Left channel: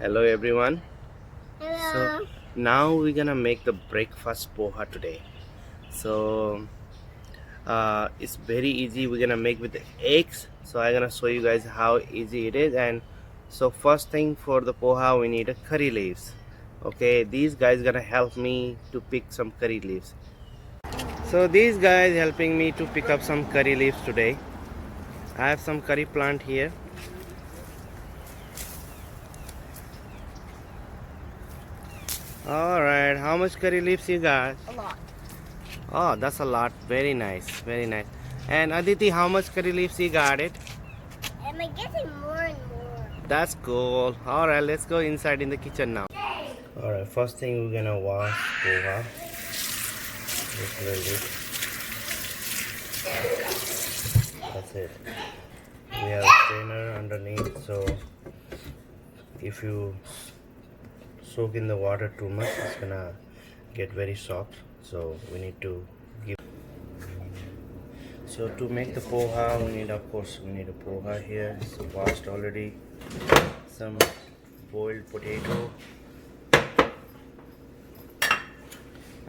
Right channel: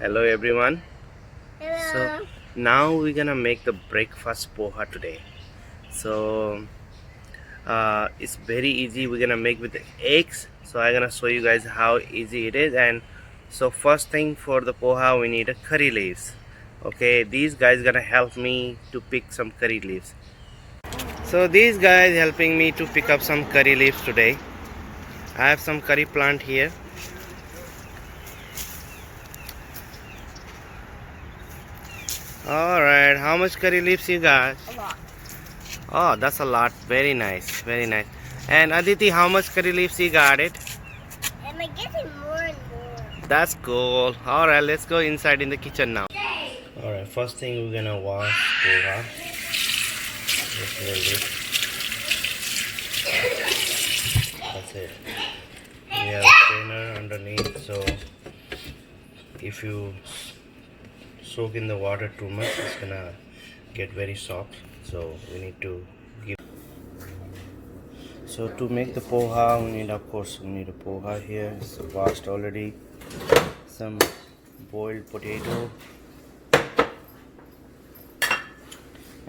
Hello everyone. So Hello. now we're gonna make the breakfast poha today. So it's very easy. We're gonna make with the eggs. So I'm gonna show you guys how easy it is. And so first thing for the poha, we need a curry leaves. Okay, these guys gonna help me to pick some curry leaves. So these guys helping me to pick up some curry leaves today. I have some curry plant here. All right, how much curry leaves you got? A lot. Oh, that's a lot. Very nice. Very nice. And Aditi, how much curry leaves you got it? Am I getting more and more? That's cool. Alright, let's go inside in the kitchen now. Alright, first thing we're gonna wash poha. Just a little bit. That's it. We have a strainer underneath, so if you soak in the water too much, it's gonna get very soft. So we need to give. So to make the poha, we need, of course, we need a poha here. It's washed already. Some boiled potato.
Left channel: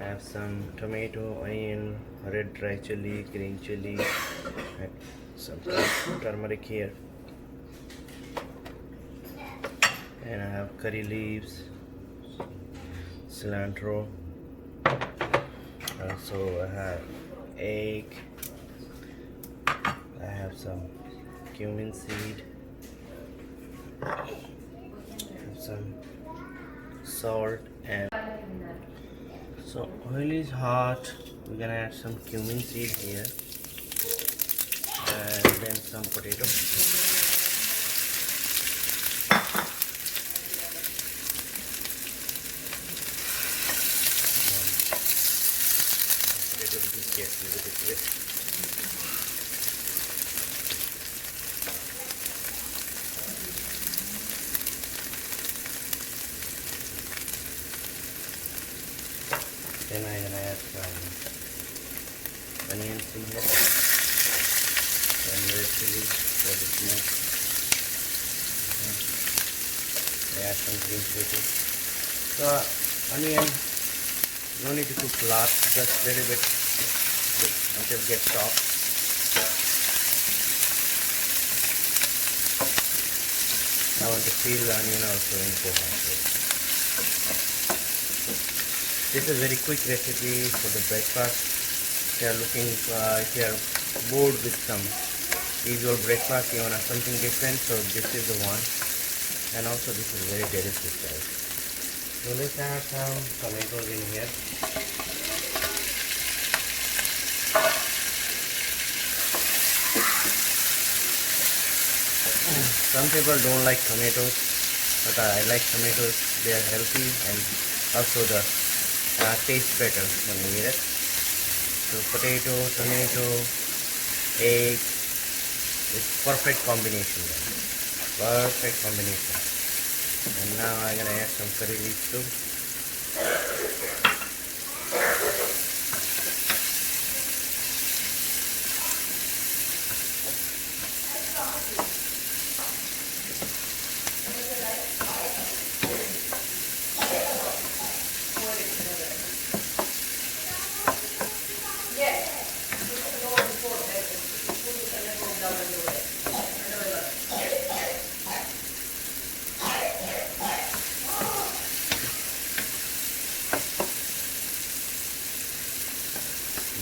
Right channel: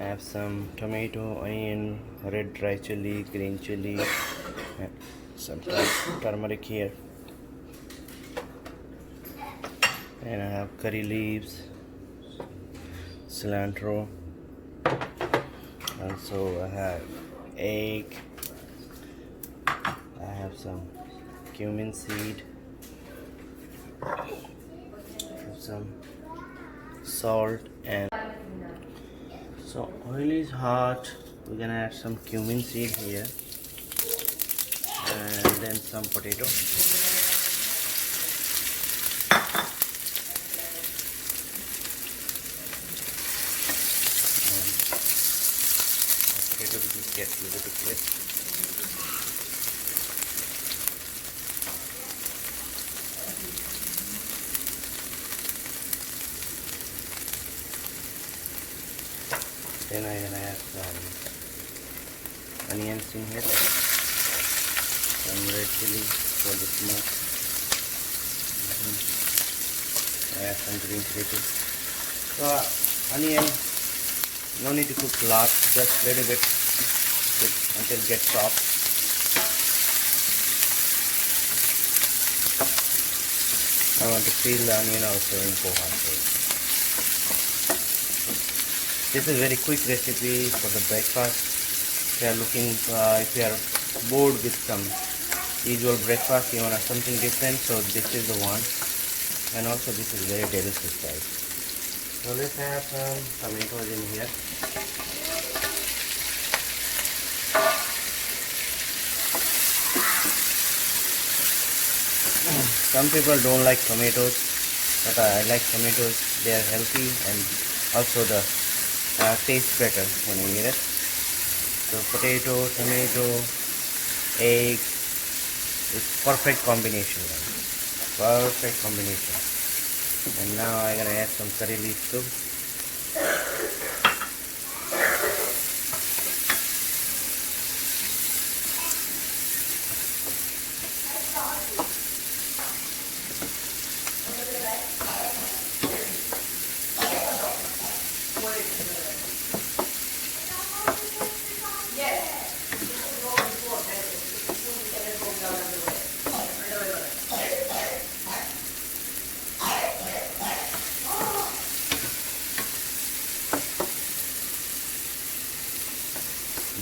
I have some tomato, onion, red dry chili, green chili, and some turmeric here. And I have curry leaves, cilantro. Also I have egg. I have some cumin seed. I have some salt and so oil is hot. We're gonna add some cumin seed here and then some potato. Potato just gets a little bit wet. Then I'm gonna add some onions in here, some red chili for the smoke. Add some green chili too. So onion, no need to cook a lot, just little bit until it gets soft. I want to peel the onion also in poha. This is very quick recipe for the breakfast. If you are looking, if you are bored with some usual breakfast, you want something different, so this is the one. And also this is very delicious, guys. So let's add some tomatoes in here. Some people don't like tomatoes, but I like tomatoes. They are healthy and also the taste better when you eat it. So potato, tomato, egg, it's perfect combination. Perfect combination. And now I'm gonna add some curry leaves too.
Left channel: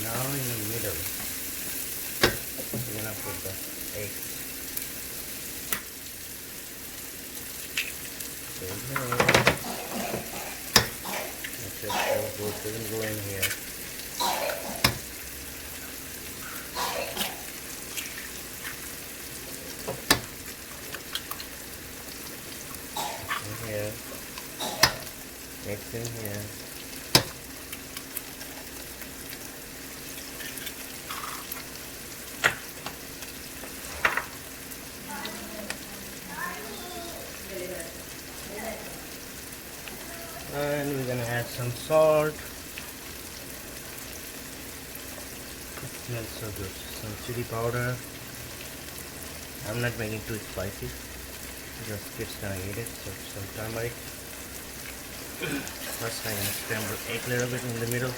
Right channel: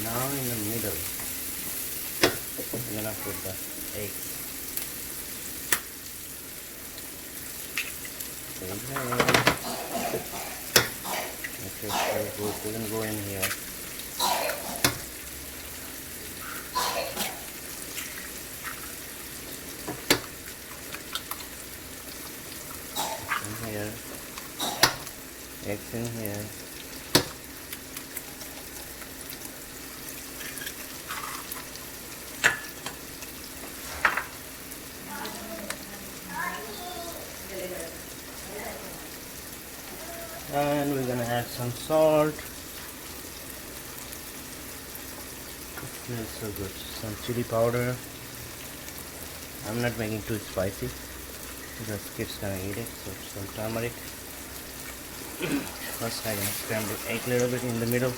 Now in the middle, we're gonna put the eggs. So we can go in here. In here, eggs in here. And we're gonna add some salt. It smells so good. Some chili powder. I'm not making too spicy. Just kids gonna eat it. So some turmeric. First I'm gonna scramble egg a little bit in the middle.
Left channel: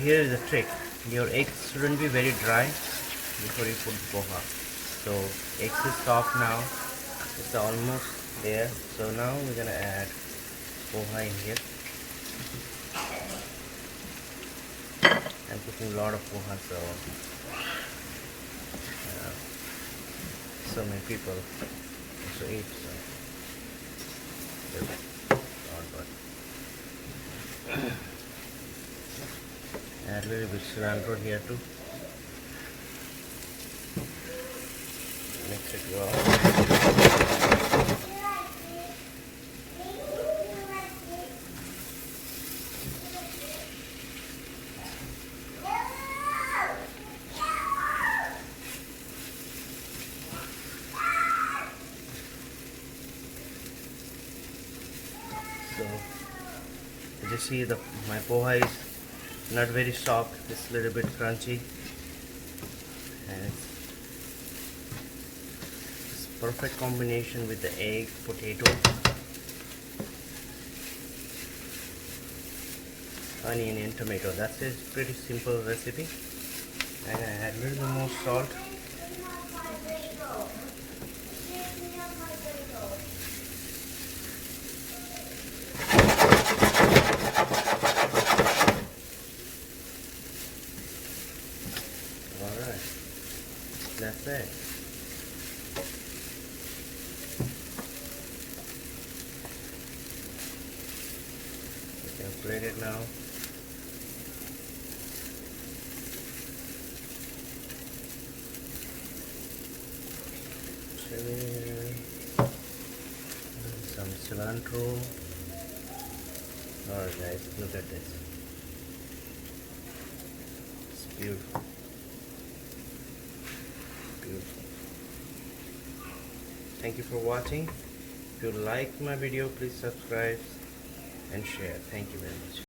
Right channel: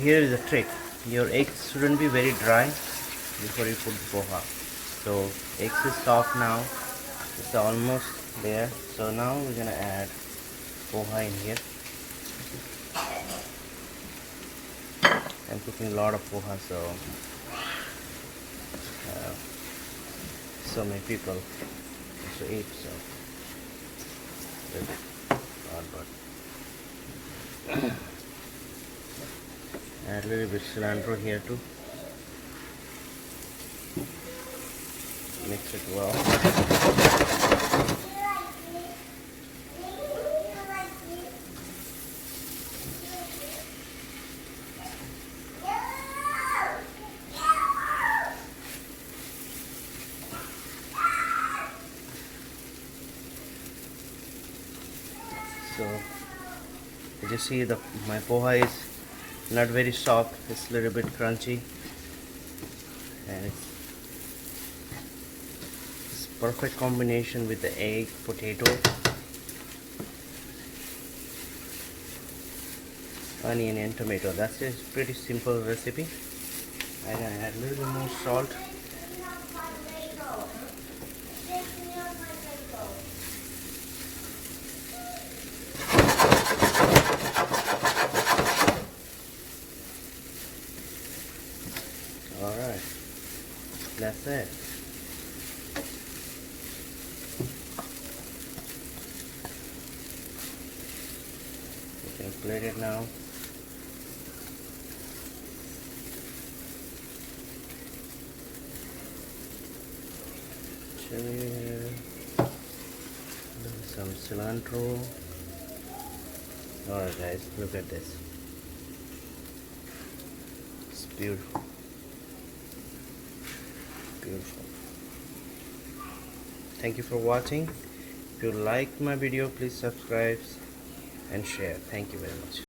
Here is the trick. Your eggs shouldn't be very dry before you put poha. So eggs is soft now. It's almost there. So now we're gonna add poha in here. I'm cooking a lot of poha, so many people also eat. So good. Not good. Add a little bit cilantro here too. Mix it well. So you just see my poha is not very soft, it's a little bit crunchy, and it's perfect combination with the egg, potato, onion and tomato. That's a pretty simple recipe. I'm gonna add a little bit more salt. Alright, that's it. You can plate it now. Chili, some cilantro. Alright guys, look at this. It's beautiful. Beautiful. Thank you for watching. If you liked my video, please subscribe and share. Thank you very much.